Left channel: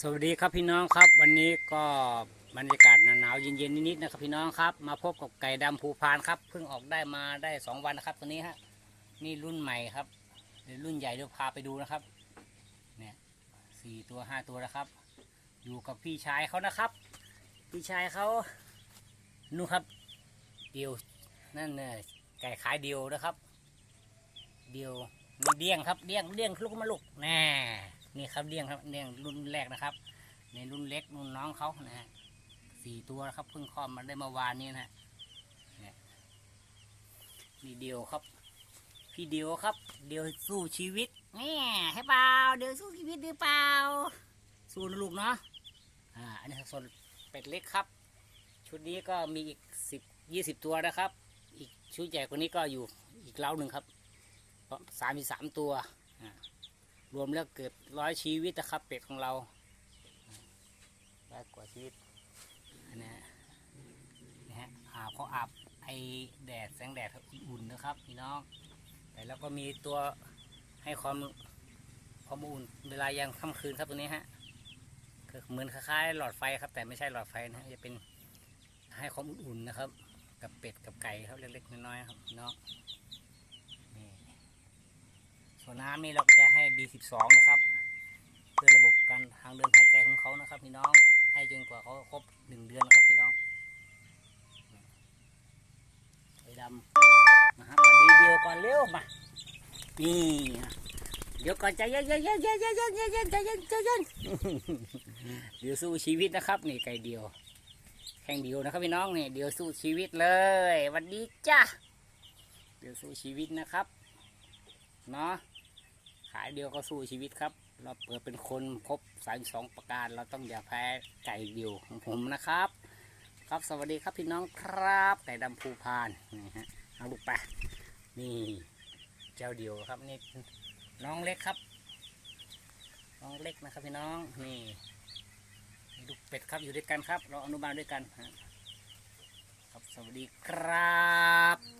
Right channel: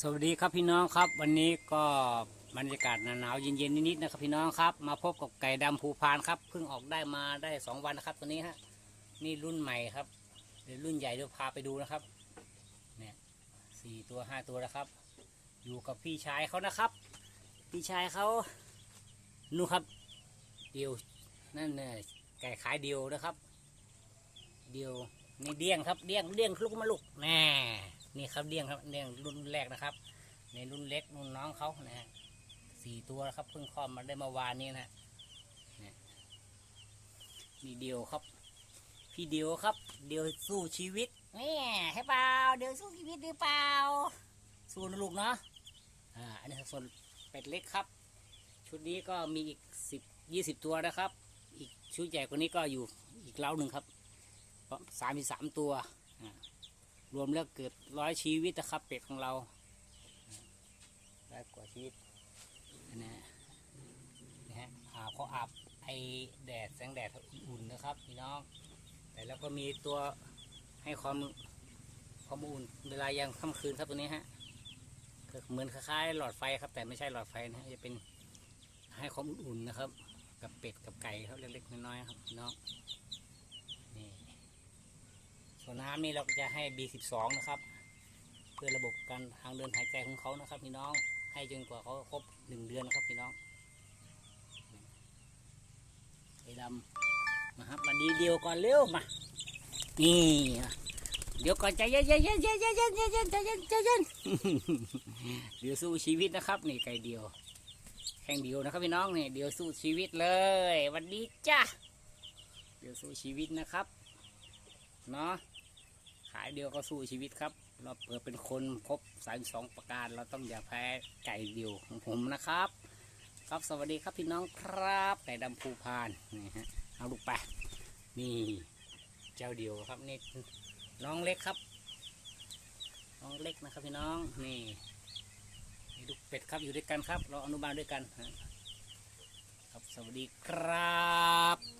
สวัสดีครับพี่น้องครับ วันนี้ก็บรรยากาศหนาวๆเย็นๆนิดๆนะครับพี่น้องครับ มาพบกับไก่ดำภูพานครับเพิ่งออกได้มาได้สองวันนะครับตัวนี้ฮะนี่รุ่นใหม่ครับเดี๋ยวรุ่นใหญ่เดี๋ยวพาไปดูนะครับเนี่ยสี่ตัวห้าตัวแล้วครับ อยู่กับพี่ชายเขานะครับ พี่ชายเขานู่นครับ เดียวนั่นเนี่ยไก่ขายเดียวนะครับ เดียว นี่เดี้ยงครับเดี้ยงเดี้ยงลูกมาลูกแน่นี่ครับเดี้ยงครับเดี้ยงรุ่นแรกนะครับ ในรุ่นเล็กรุ่นน้องเขานะฮะสี่ตัวครับเพิ่งคลอดมาได้เมื่อวานนี้นะฮะเนี่ยนี่เดียวครับ พี่เดียวครับ เดียวสู้ชีวิตนี่ให้เปล่าเดียวสู้ชีวิตหรือเปล่า สู้นะลูกเนาะอ่าอันนี้ส่วนเป็ดเล็กครับ ชุดนี้ก็มีอีกสิบยี่สิบตัวนะครับ อีกชุดใหญ่กว่านี้ก็อยู่อีกเล้าหนึ่งครับ สามสามตัว รวมแล้วเกือบร้อยชีวิตนะครับ เป็ดของเราได้กว่าชีวิตนะนะฮะอาบเขาอาบไอแดดแสงแดดอุ่นๆนะครับพี่น้อง แต่แล้วก็มีตัวให้ความความอุ่นเวลายามค่ำคืนครับตัวนี้ฮะเหมือนคล้ายๆหลอดไฟครับ แต่ไม่ใช่หลอดไฟนะฮะจะเป็นให้ความอุ่นๆนะครับ กับเป็ดกับไก่ครับเล็กๆน้อยๆครับพี่น้อง ส่วนน้ำนี่เราจะให้ B12 นะครับ เพื่อระบบการทางเดินหายใจของเขานะครับพี่น้องให้จนกว่าเขาครบหนึ่งเดือนนะครับพี่น้องไอ้ดำนะครับดีเดียวก่อนเร็วมานี่เดี๋ยวก่อนใจเย็นใจเย็นใจเย็นใจเย็นใจเย็นใจเย็นใจเย็นเดี๋ยวสู้ชีวิตนะครับ นี่ไก่เดียว แข่งเดียวนะครับพี่น้องนี่เดี๋ยวสู้ชีวิตเลยวันดีจ้าเดี๋ยวสู้ชีวิตนะครับเนาะายเดียวก็สู้ชีวิตครับ เราเปิดเป็นคนครบสามสองประการ เราต้องอย่าแพ้ไก่เดียวของผมนะครับ ครับสวัสดีครับพี่น้องครับไก่ดำภูพานนี่ฮะเอาลูกไปนี่เจ้าเดียวครับนี่น้องเล็กครับน้องเล็กนะครับพี่น้องนี่ลูกเป็ดครับอยู่ด้วยกันครับ เราอนุบาลด้วยกันครับสวัสดีครับ